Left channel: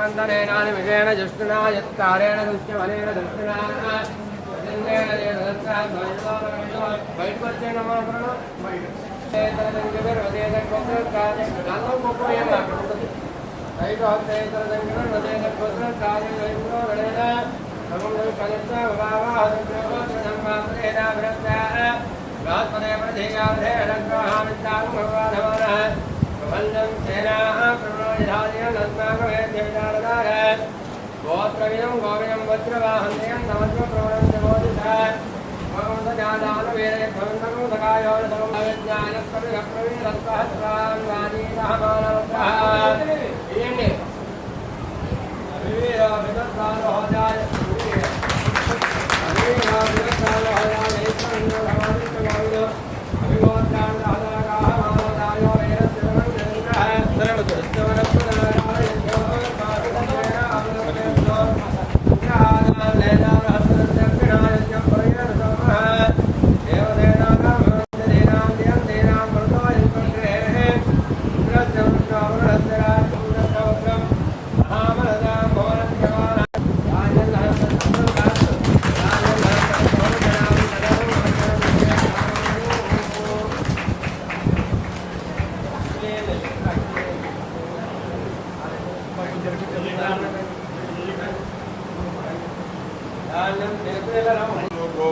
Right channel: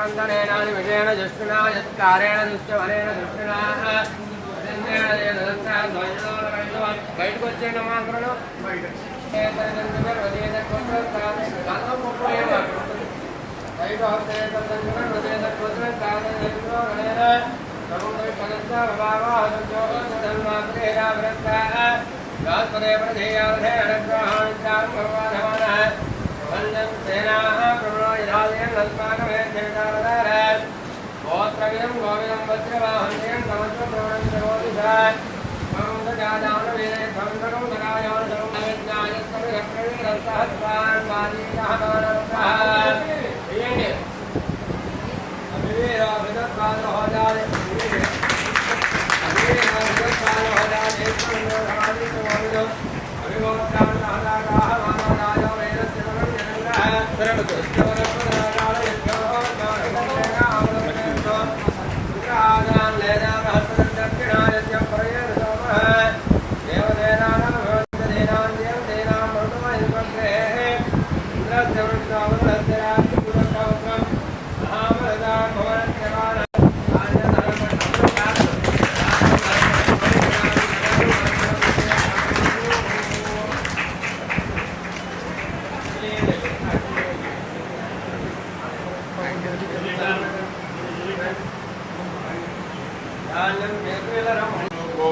विजयेन जुष्टुना यत्कारेण दुष्टवनेन दुष्टुना బయటకు వచ్చేయండి అమ్మా అందరూ బయట गोत्रविदं गौरियं वज्रवाहन्यं नमस्व प्रवणं वीरे भवन्तकं सकायोन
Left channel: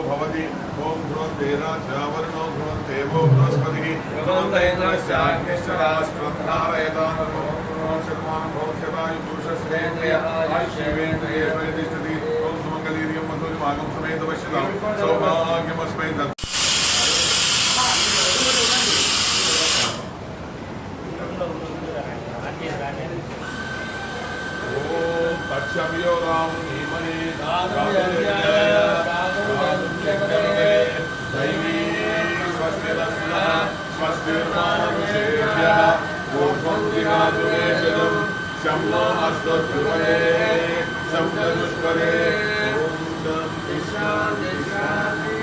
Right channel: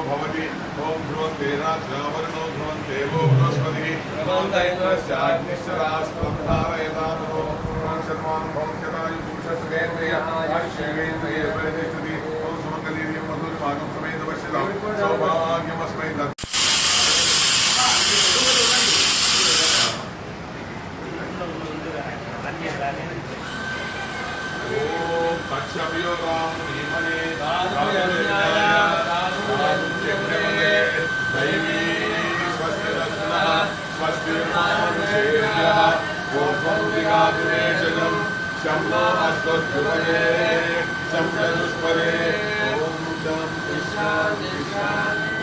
भवति ओम ध्रुवं तेनावर्णो ध्रुवं देवो बृहस्पतिः शतमानं भवत्यतायु पुरुषस्वेन्द्रिय आयुष्येन्द्रिय परितिष्ठति ओम सुमङ्गलीर्यं मधुरिमागं समेत पश्यतां सौभाग्यमस्मै दत्तं पक्षभ्यो राम धीमहि दैवी स्वस्तिर्मानुषेभ्यः ओम दिवादुमेशदं शम्नो अस्तुभये संप्रदुष्परे ओम शान्ति शान्ति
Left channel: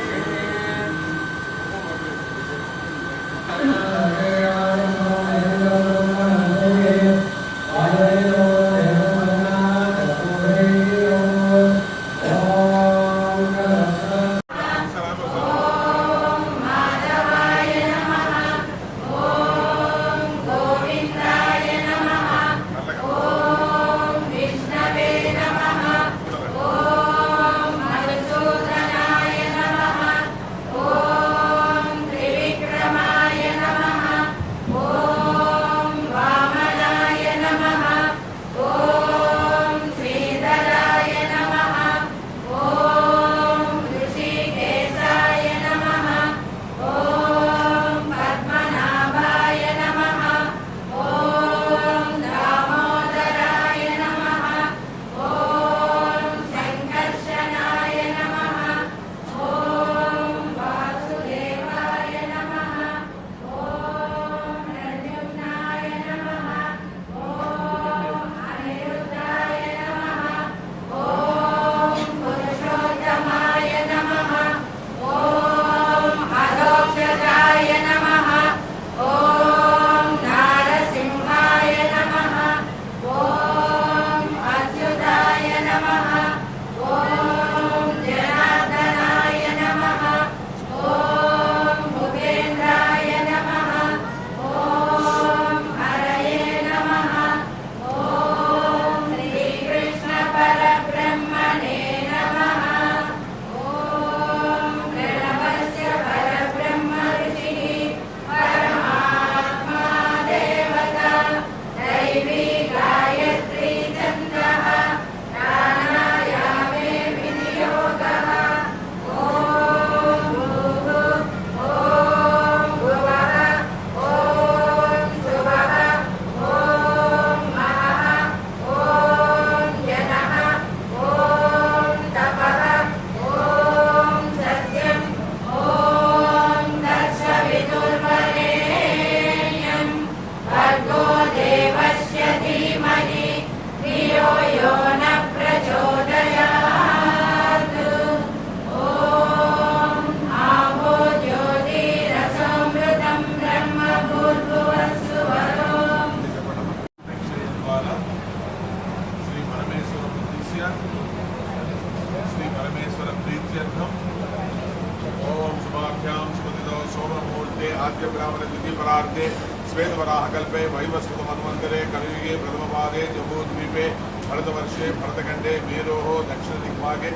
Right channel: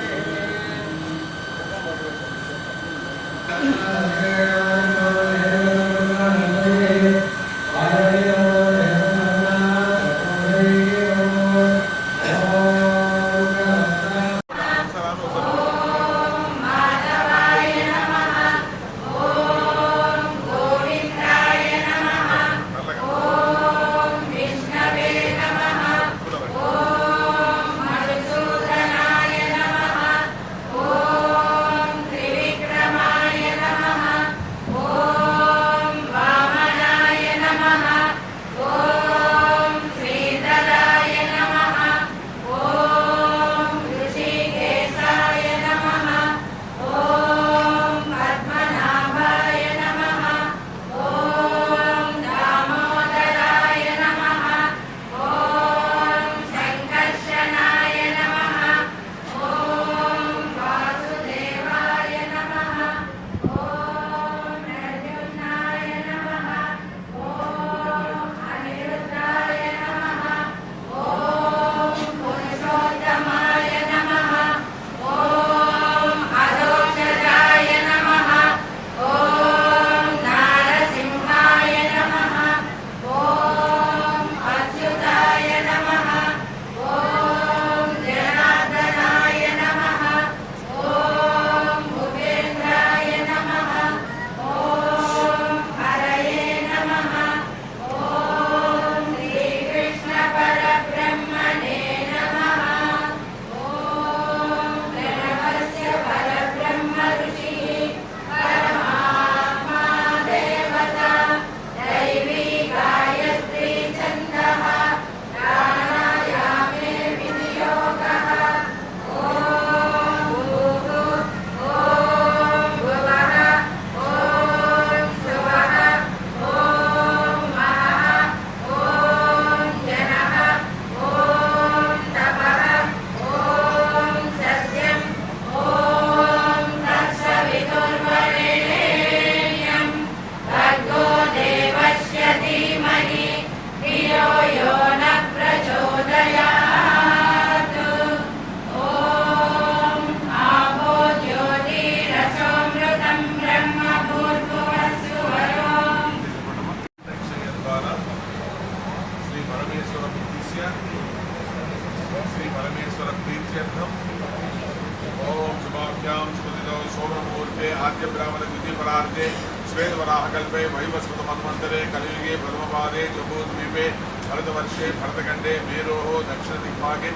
सिद्ध्यर्थम ओम शुभाभ्याम स्मृतितो सोममुहूर्ते आद्य ब्राह्मण द्वितीय परार्थे श्वेतवराहकल्पे वैवस्वत मन्वन्तरे कलियुगे प्रथमपादे जम्बूद्वीपे भरतवर्षे भरतखण्डे मेरोः दक्षिणदिग्भागे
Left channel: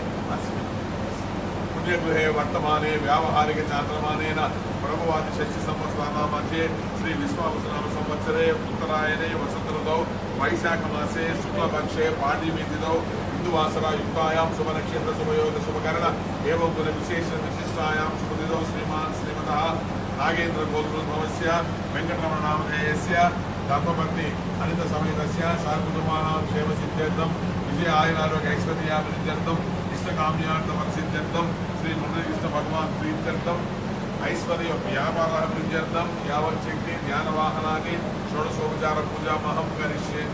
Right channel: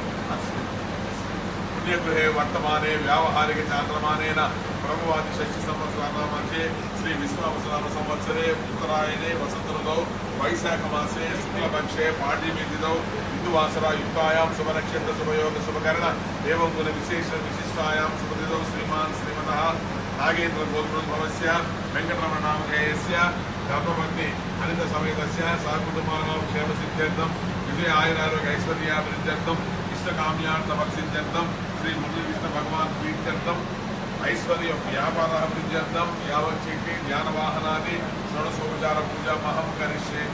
पुण्यगृहे वर्तमाने व्यावहारिक चान्द्रमानेन प्रभवादि षष्ठी संवत्सराणां मध्ये श्री विश्वावसुनाम संवत्सरे उत्तरायणे वसन्तऋतौ वैशाखमासे शुक्लपक्षे पाड्यमीतिथौ हिन्दुवासरा युक्तायां शुभनक्षत्र शुभयोग शुभकरण एवं कुल विशेष विशिष्टायां शुभतिथौ श्रीमान् श्रीमतः नागेन्द्र गोत्रोद्भवस्य वेङ्कटरमणनामधेयस्य धर्मपत्नी अनित समेतस्य सहकुटुम्बानां क्षेमसिद्ध्यर्थं विजय आयुरारोग्य ऐश्वर्याभिवृद्ध्यर्थं इष्टकाम्यार्थमसिद्ध्यर्थं श्री मुरलीकृष्ण भगवान् प्रीत्यर्थं ऐश्वर्य व्यापाराभिवृद्ध्यर्थं यावच्छक्ति ध्यानवाहनानि षोडशोपचार पूजा महं करिष्ये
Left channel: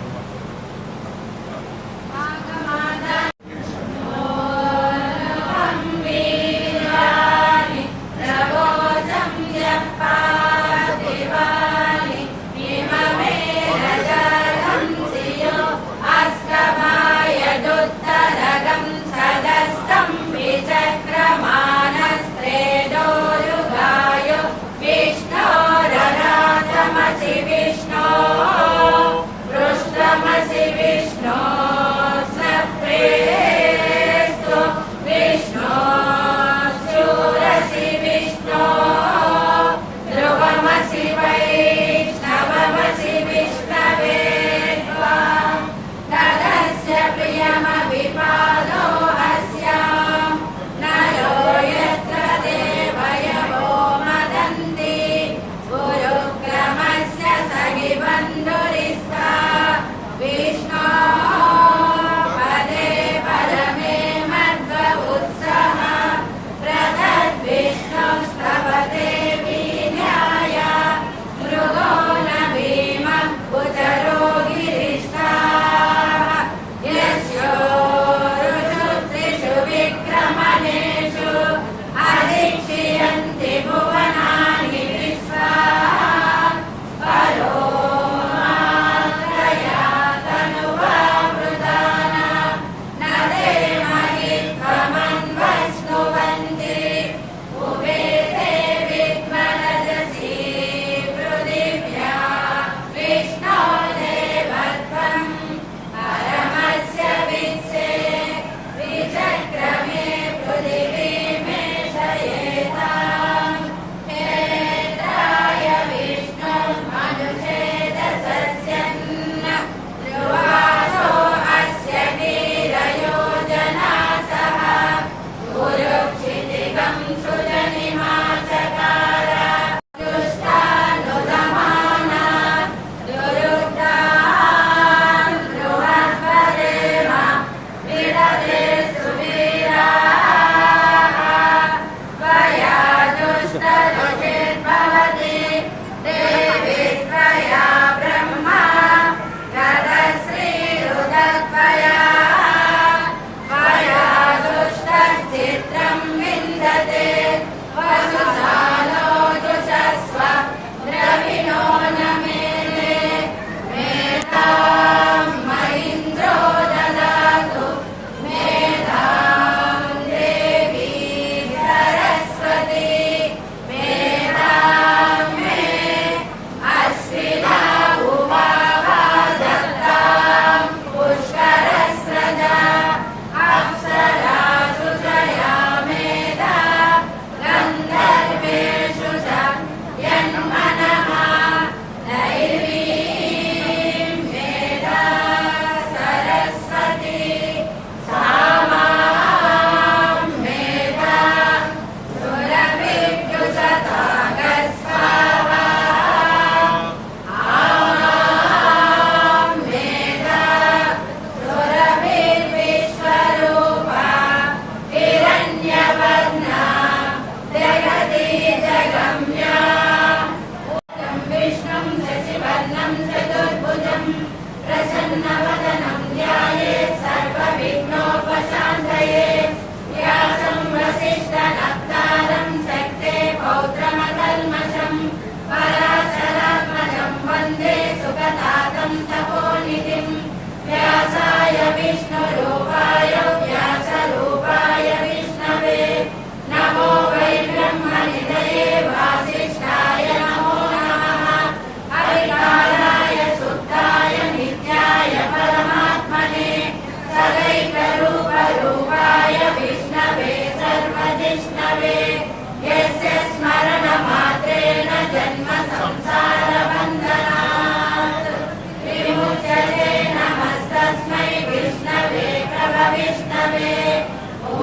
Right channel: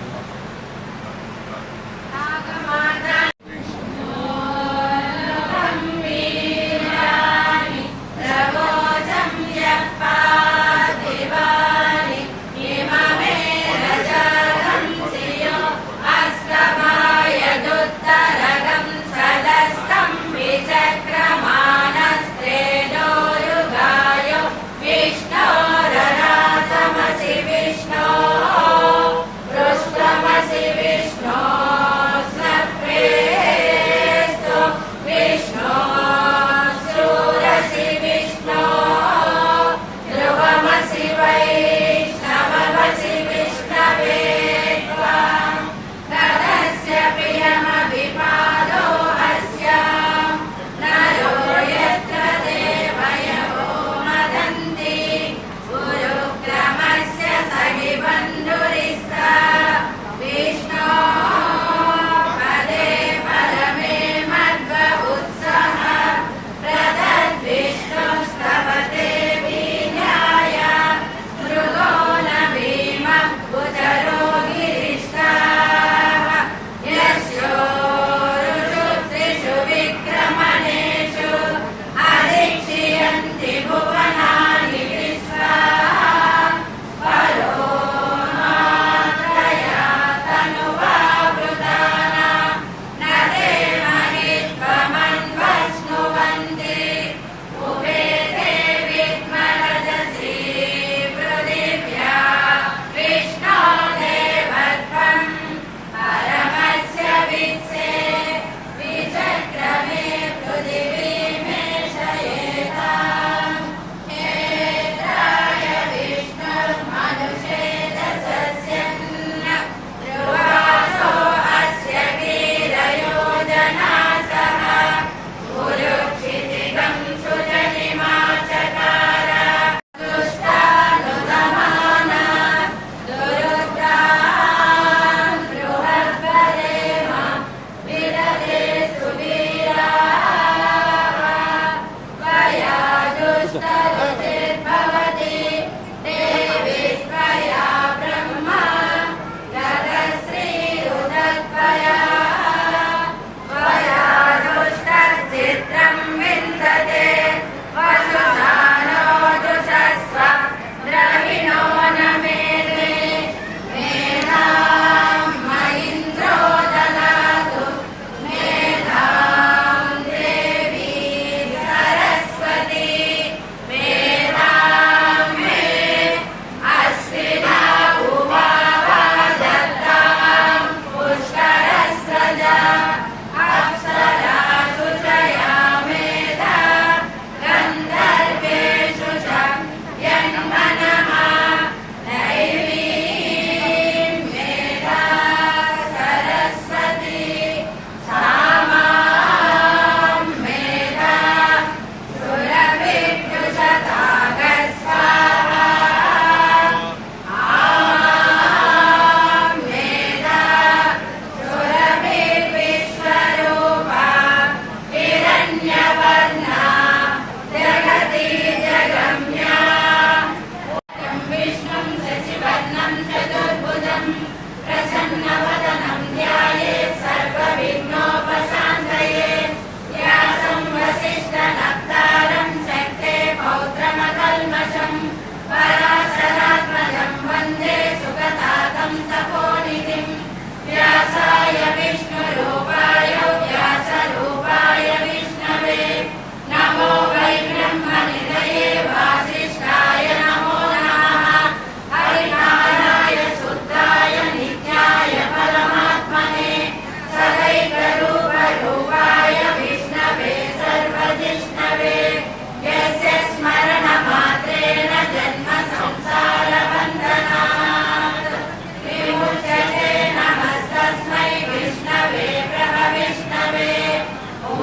सरस्वती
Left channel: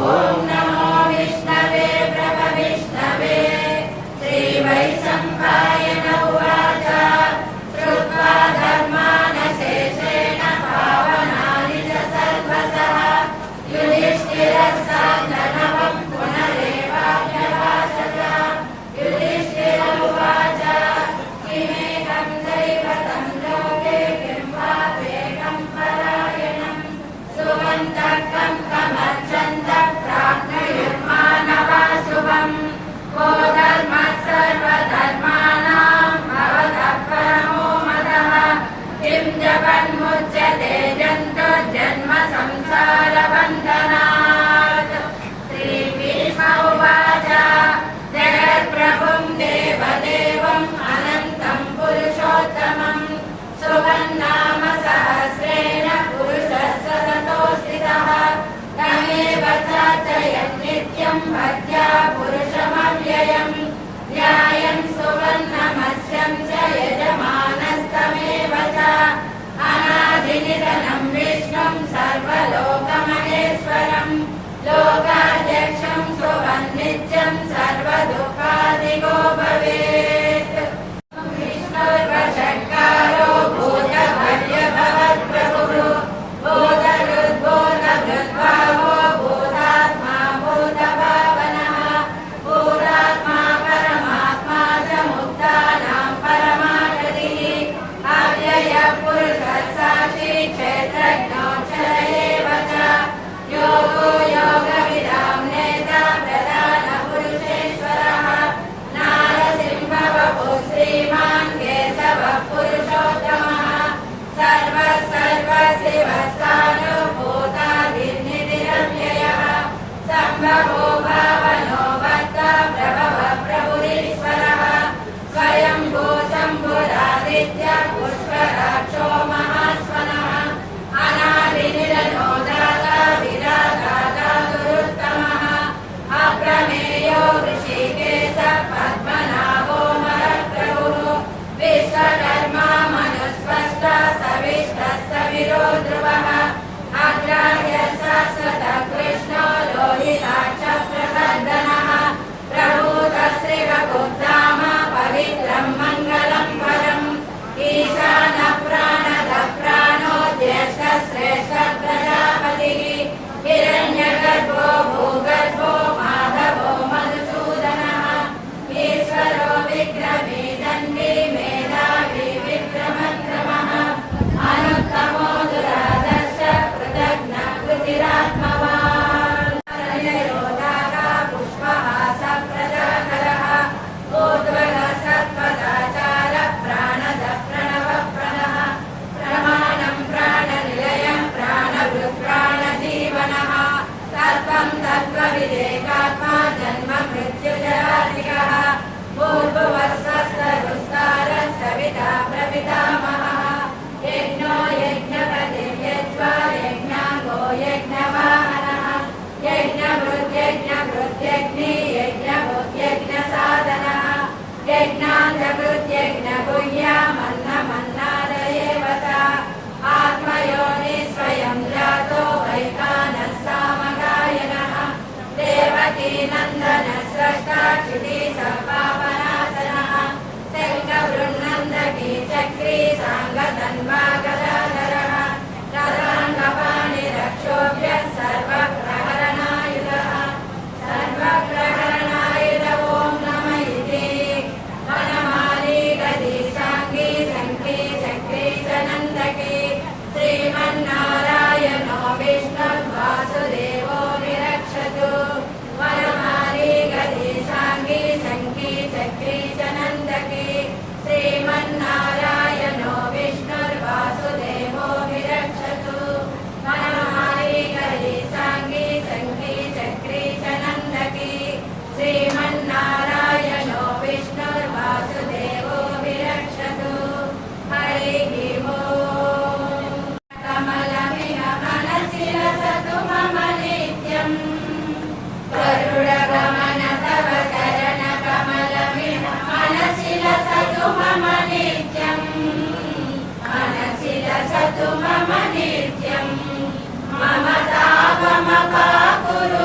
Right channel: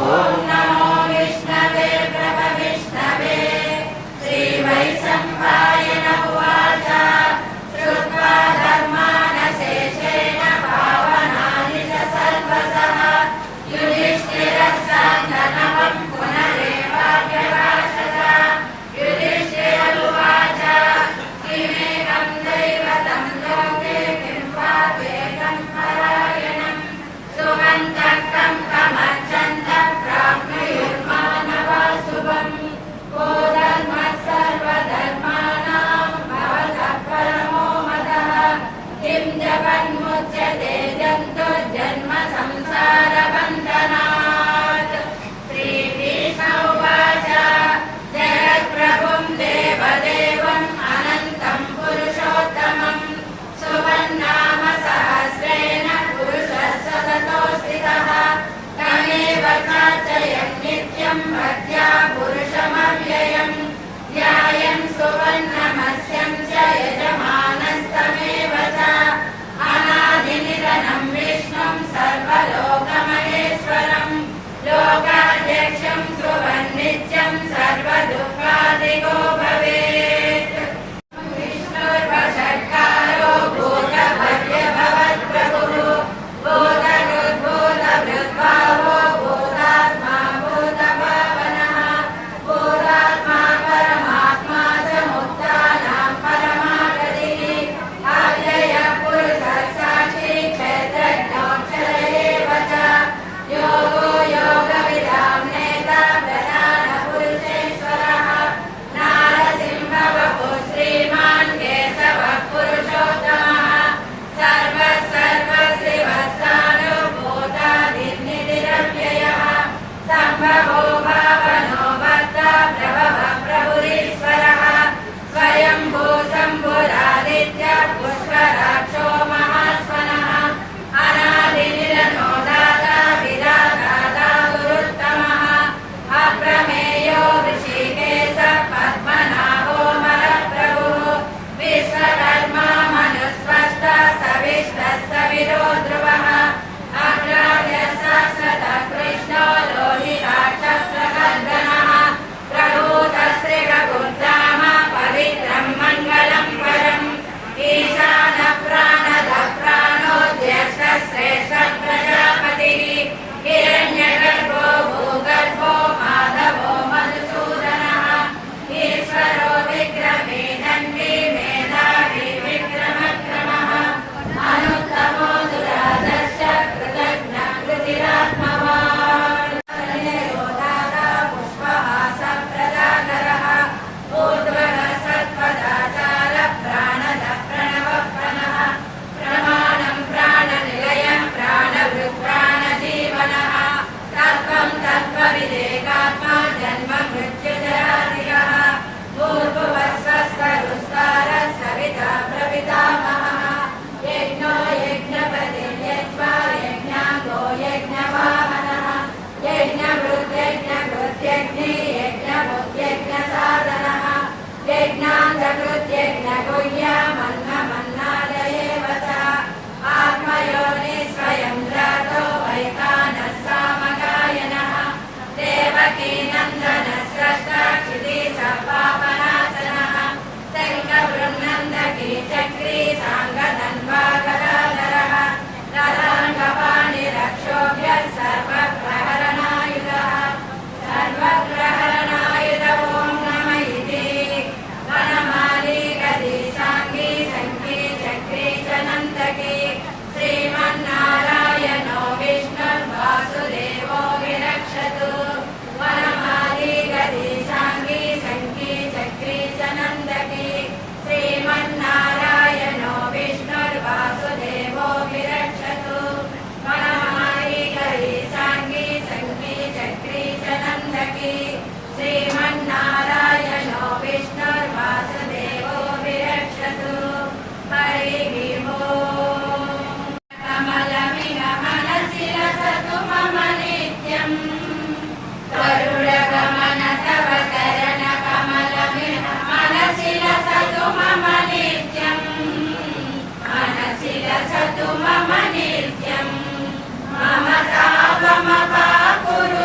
ఓం నమో విష్ణవే ప్రభవిష్ణవే శ్రీవైశంపాయన ఉవాచ శ్రుత్వా ధర్మానశేషేణ పావనాని చ సర్వసః యుధిష్ఠిరస్సంజనమం పునరేవాభ్యభాషత యుధిష్ఠిర ఉవాచ కిమేకం దైవతం లోకే కిం వా త్వేకం పరాయణం సుగంధకం కమర్చంత ప్రాప్నుయుర్మానవా శుభం కో ధర్మః సర్వధర్మాణాం భవతః పరమో మదః కిం జపన్ముచ్యతే జంతుర్జన్మ సంసారబంధనాత్ శ్రీభీష్మ ఉవాచ జగత్ప్రభుం దేవదేవం అనంతం పురుషోత్తమం సువన్నామ సహస్రేణ పురుషः సతతో స్థితः తమేవ చార్చయం నిత్యం భక్త్యా పురుషమవ్యయం ధ్యాయం సువర్ణమస్యం చ యజమానస్తమేవ చ అనాదినిధనం విష్ణుం సర్వలోకమహేశ్వరం లోకాధ్యక్షం సువన్నిత్యం సర్వదుఃఖాదిగో భవేత్ విష్ణుర్వషట్కారో భూతభవ్యభవత్ప్రభుః భూతకృద్భూతభృద్భావో భూతాత్మా భూతభావనः భూతాత్మా పరమాత్మా చ ముక్తానాం పరమాగతిः అవ్యయ పురుషः సాక్షి క్షేత్రజ్ఞోక్షర ఏవ చ యోగో యోగవిదాం నేతా ప్రధాన పురుషేశ్వరः నారసింహ వపుః శ్రీమాన్ కేశవః పురుషోత్తమः సర్వः సర్వశివస్థానుభూతాదిర్నిధిరవ్యయः సంభవో భావనో భర్తా ప్రభవः ప్రభురీశ్వరः స్వయంభూ శంభురాదిత్యः పుష్కరాక్షో మహాస్వనः అనాదినిరనో దాతా విధాతా దాతురుత్తమः అప్రమేయో ఋషికేశः పద్మనాభో మరప్రభుః విశ్వకర్మా మనుస్పష్టः సవిష్టస్తవిరో ధ్రువः అగ్రాహ్యः శాశ్వతः కృష్ణో లోహితాక్షः ప్రగర్దనः ప్రభూతः శ్రీరఘుర్ధామ పవిత్రం మంగళం పరం ఈశానः ప్రాణదः ప్రాణో జ్యేష్ఠः శ్రేష్ఠः ప్రజాపతిः హిరణ్యగర్భో భూగర్భో మాధవో మధుసూదనः ఈశ్వరో విక్రమీ దండీ మేధావి విక్రమక్రమः అనుత్తమో దురాదర్శ కృతజ్ఞ కృతిరాత్మవాన్ నిరోధాతా పుష్పహాస ప్రజాకరः ఊర్ధ్వః సత్పదాచార ప్రాణద ప్రణవ ప్రణః ప్రమాణం ప్రాణనిలయం ప్రాణభృత్ ప్రాణజీవనः తత్వం తత్వవిదేకాత్మా జన్మ మృత్యుజరాధికः భూర్భువస్వస్తరుస్తారः సవితా ప్రపితామహः యజ్ఞో యజ్ఞపతిర్యజ్వా యజ్ఞాంగో యజ్ఞవాహనः యజ్ఞభృత్యజ్ఞకృత్యగ్ని యజ్ఞభుత్యజ్ఞసాధనः యజ్ఞాంగకృత్యజ్ఞగుహ్యమన్నమన్నాదయేవ చ ఆత్మయోని స్వయం జాతో వైకానः సామగాయనः దేవకీ నందన స్రష్టా క్షితి సర్వాపనాశనः శంఖబృన్నందకీ చక్రీ సాంగధన్వా గదాధరः తదాంగపాణిరక్షోభ్యः సర్వప్రహరణాయుధः సర్వప్రహరణాయుధ ఓం నమ ఇతి వనమాలి గది సాంగీ సంకీ చక్రీ చనందకీ శ్రీమన్నారాయణో విష్ణుర్వాసుదేవో విరక్షతు వనమాలి గది సాంగీ సంకీ చక్రీ చనందకీ శ్రీమన్నారాయణో విష్ణుర్వాసుదేవో విరక్షతు వనమాలి గది సాంగీ సంకీ చక్రీ చనందకీ శ్రీమన్నారాయణో విష్ణుర్వాసుదేవో విరక్షతు హరి ఓం కమలమిహ మనసి రసతు మమ నిత్యం గరుడగమన తవ చరణ కమలమిహ మనసి రసతు మమ నిత్యం మనసి రసతు మమ నిత్యం మమ తాపమపాకురు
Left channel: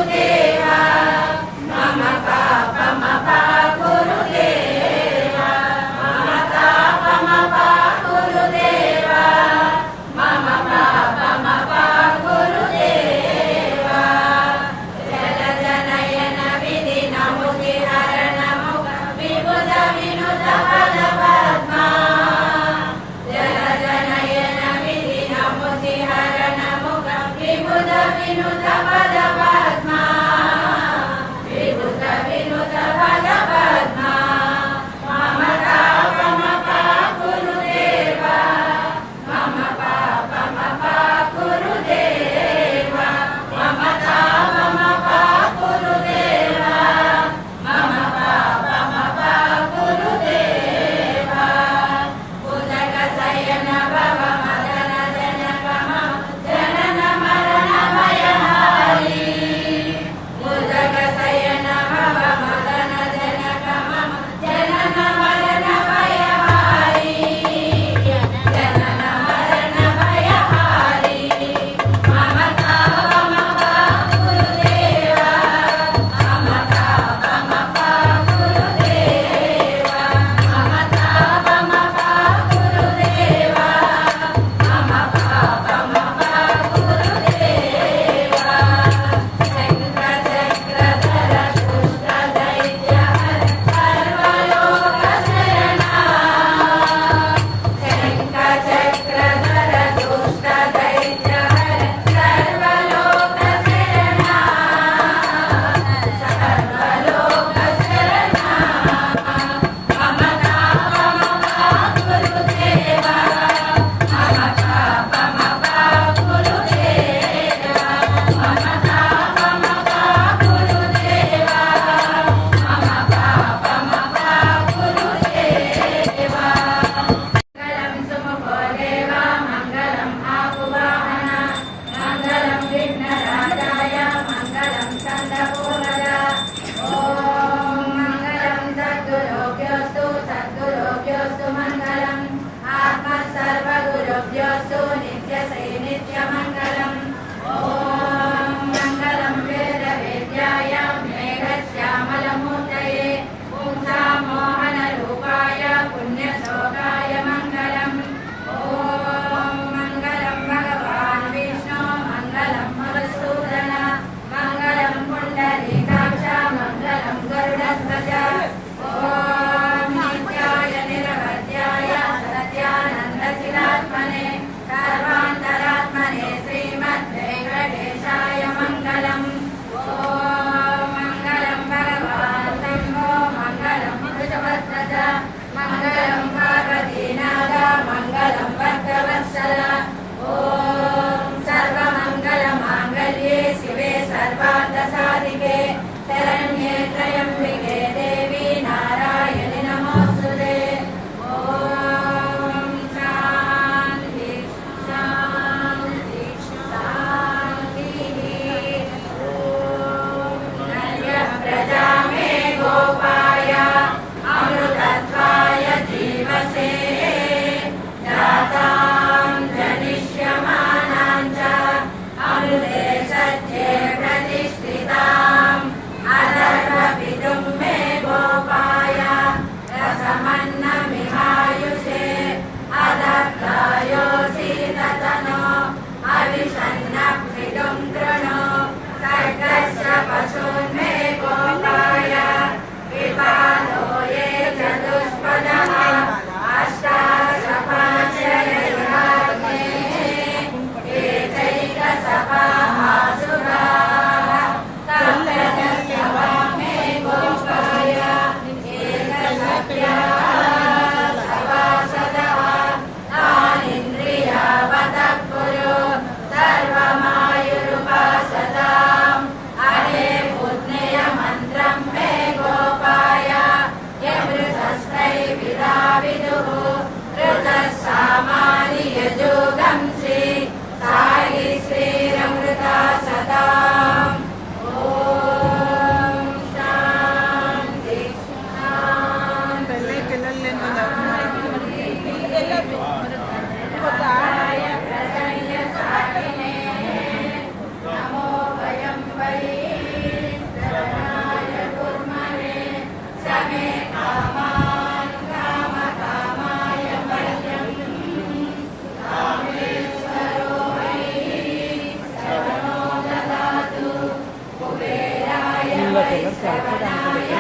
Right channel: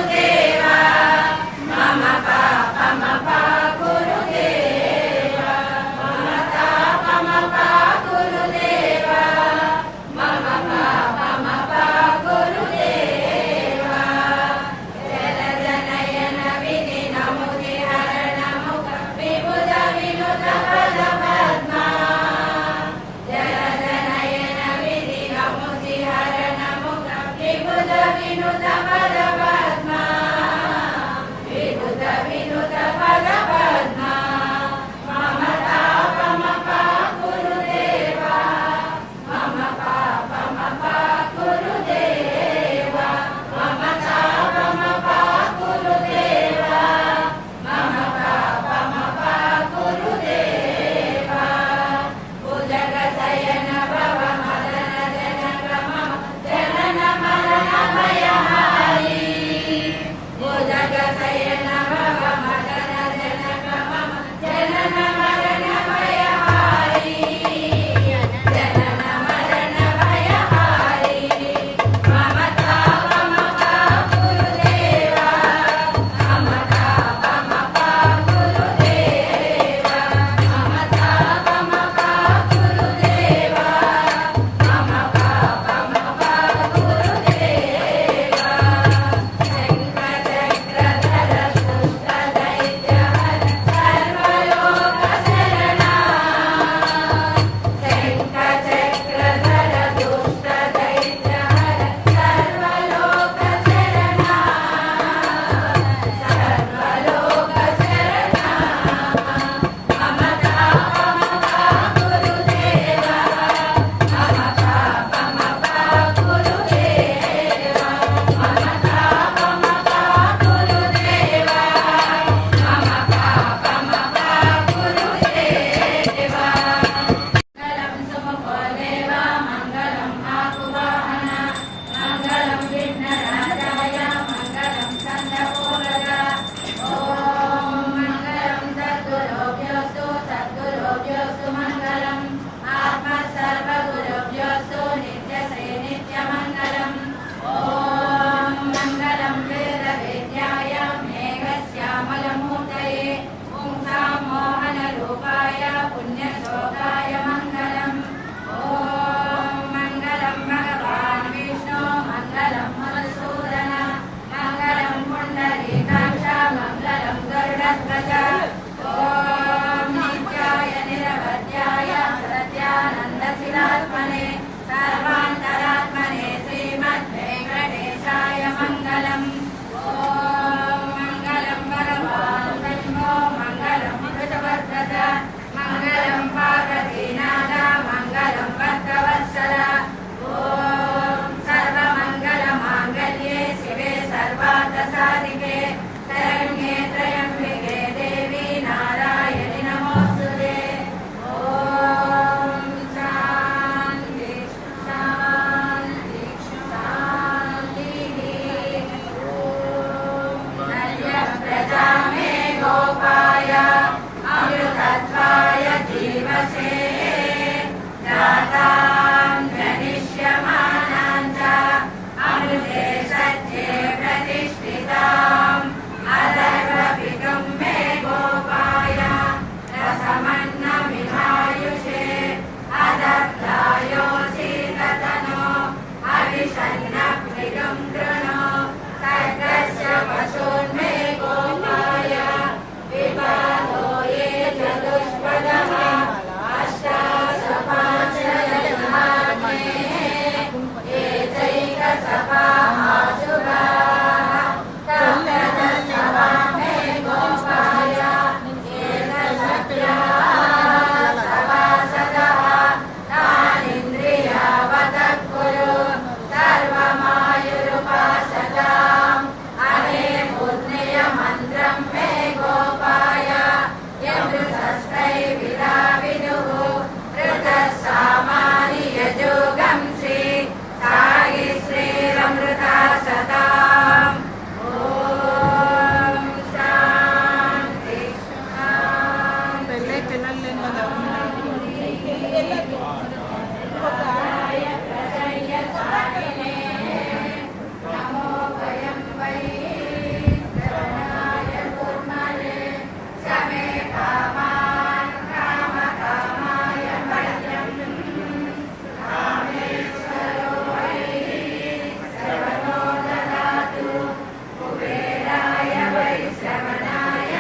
श्रवणाय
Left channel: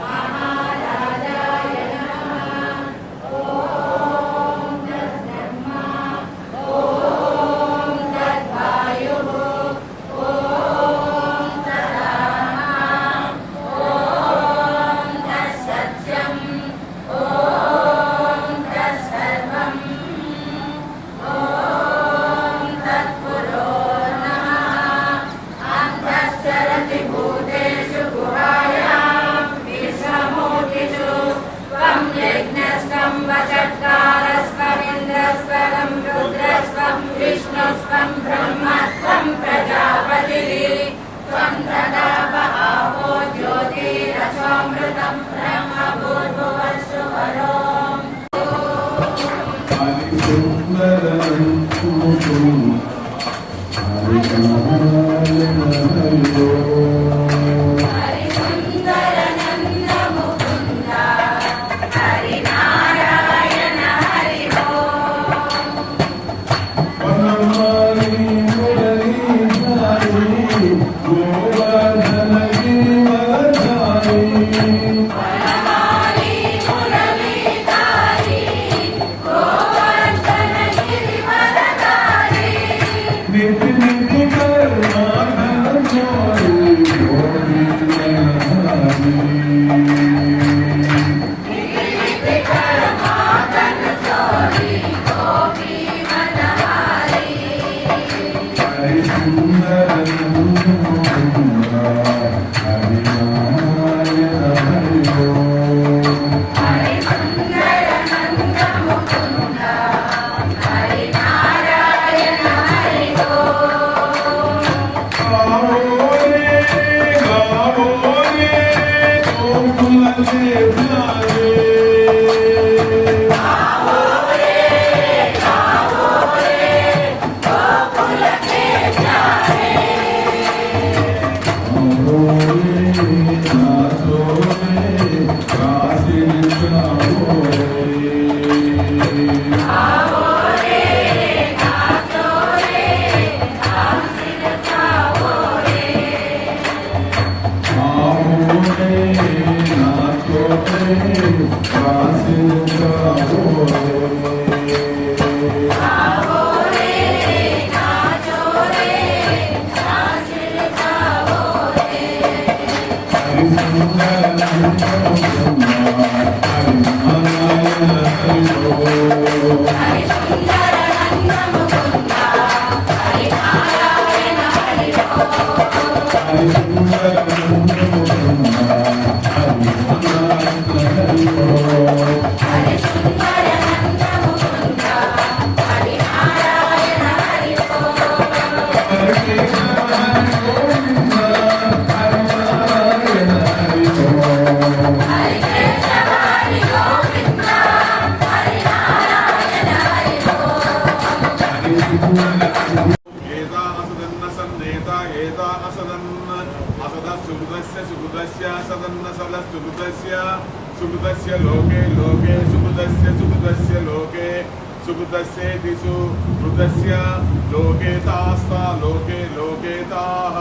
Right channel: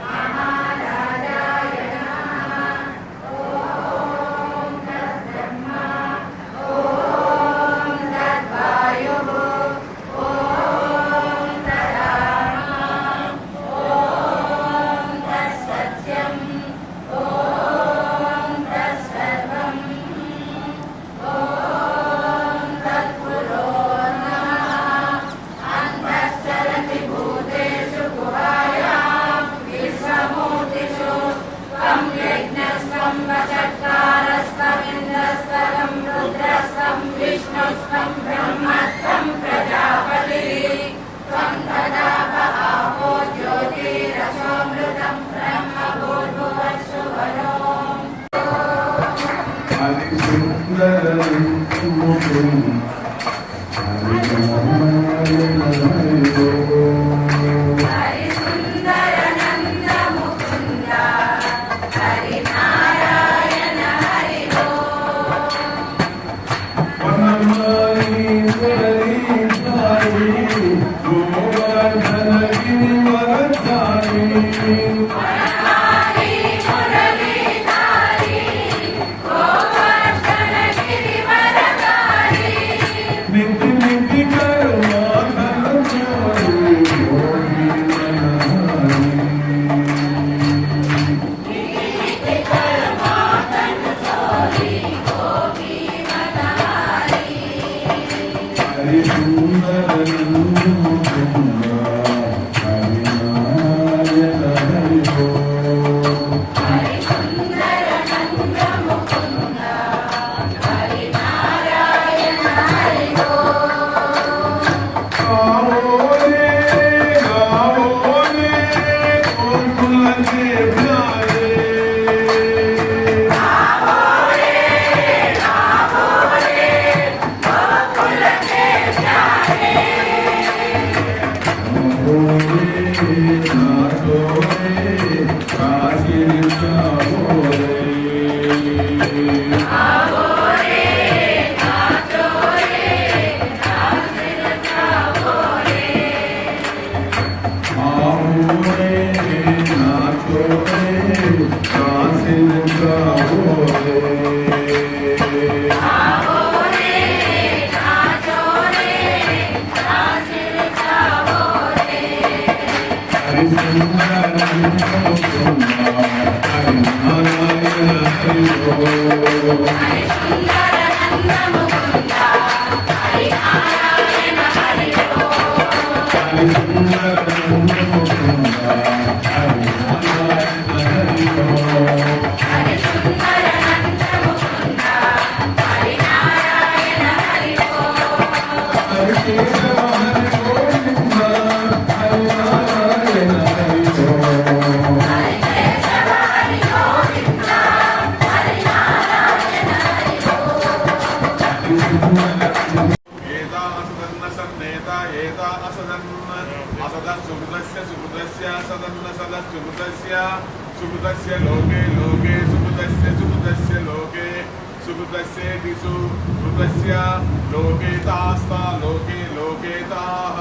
महाराजाय नमः। ॐ तद्ब्रह्मा ॐ तद्वायुः ॐ तदात्मा ॐ तत्सत्यम् ॐ तत्सर्वम् ॐ तत्पुरो नमः। अन्तश्चरति भूतेषु गुहायां विश्वमूर्तिषु त्वं यज्ञस्त्वं वषट्कारस्त्वमिन्द्रस्त्वं रुद्रस्त्वं विष्णुस्त्वं ब्रह्मस्त्वं प्रजापतिः त्वं तदाप आपो ज्योतिरसोऽमृतं ब्रह्म भूर्भुवस्सु वरोम्। सुकृतस्य लोके लोके सुकृतस्य लोके सुकृतस्य दिशु कृतस्य लोके तास्ता लोके लोके ताः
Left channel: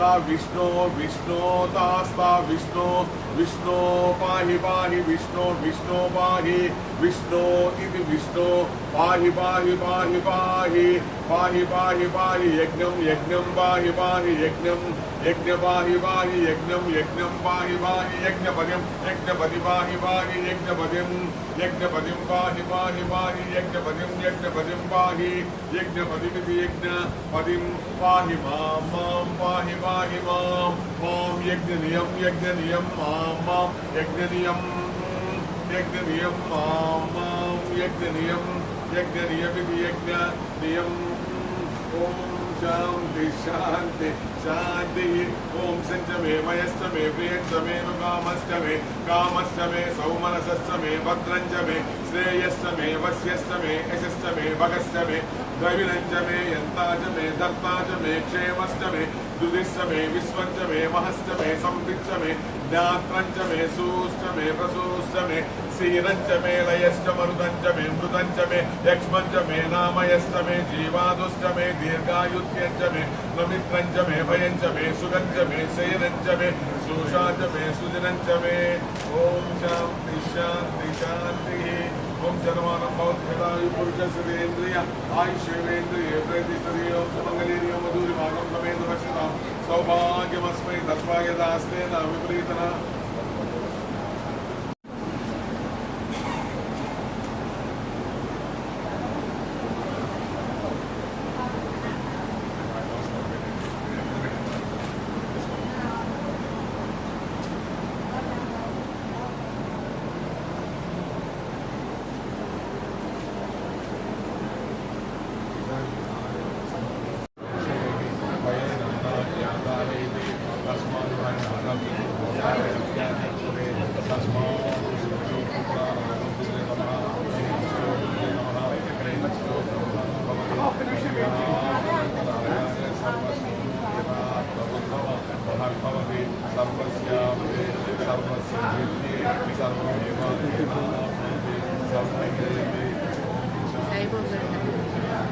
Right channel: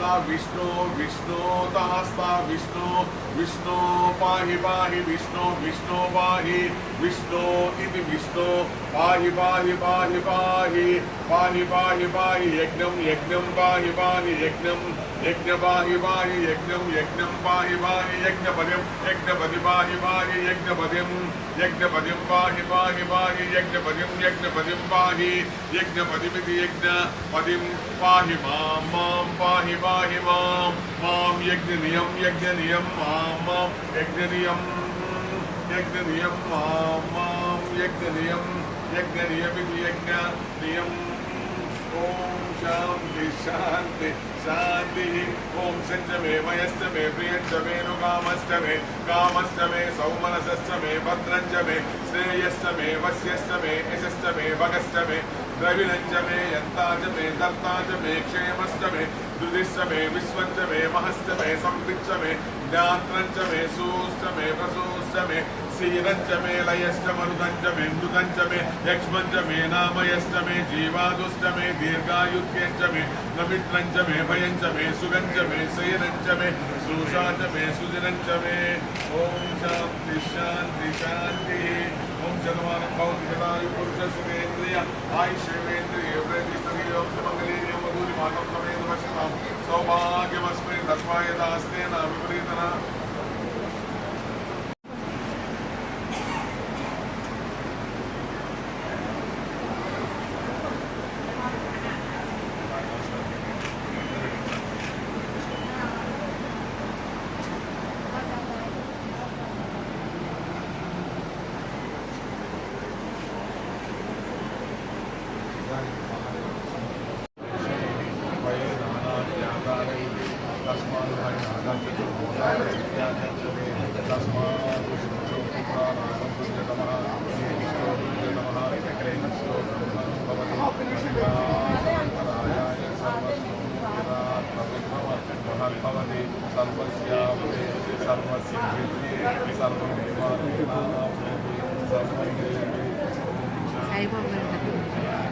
ता विष्णो विष्णो तास्ता विष्णो विष्णो पाहि पाहि विष्णो विष्णो पाहि विष्णो इति विष्णो पाहि पाहि पाहि पाहि पाहि पाहि पाहि यज्ञं यज्ञं पाहि पाहि यज्ञं यज्ञ पाहि पाहि यज्ञं यज्ञं पाहि पाहि यज्ञपतिं यज्ञपति पाहि पाहि यज्ञपतिं यज्ञपतिं पाहि पाहि पाहि यज्ञपतिं यज्ञपतिं पाहि यज्ञपतिमिति यज्ञपतिं पाहि मां मां पाहि पाहि मां मां यज्ञनियं यज्ञनियं मां मां यज्ञनियं यज्ञनियं मां मां यज्ञनियं यज्ञनियमिति यज्ञनियं ॐ शान्ति शान्ति शान्तिः ॐ सञ्चमे मयश्चमे प्रियञ्चमे नुकामश्चमे कामश्चमे सौमनसश्चमे भद्रञ्चमे श्रेयश्चमे वस्यश्चमे यशश्चमे भगश्चमे द्रविणञ्चमे यन्ताचमे दत्ताचमे क्षेमश्चमे दुदिश्चमे विश्वञ्चमे महश्चमे संविच्चमे ज्ञात्रञ्चमे सूश्चमे प्रसूश्चमे सीरञ्चमे लयश्चमरुदञ्चमे मृदञ्चमे यक्ष्मञ्चमे नामयश्चमे जीवादुश्चमे दीर्घायुत्यञ्चमे नमित्रञ्चमे भयञ्चमे सुगञ्चमे मे शयनञ्च मे सुषा च मे सुजनञ्च मे ॐ शान्ति शान्ति शान्तिः ॐ शतमानं भवति शतायु पुरुषस्य देन्द्रिय आयुष्येन्द्रिय प्रतिष्ठितो सुमङ्गलीर्यं मधुरिमानं समेत पश्यतां सौभाग्यमस्मै तस्माय दास्तेन विपरीतना I will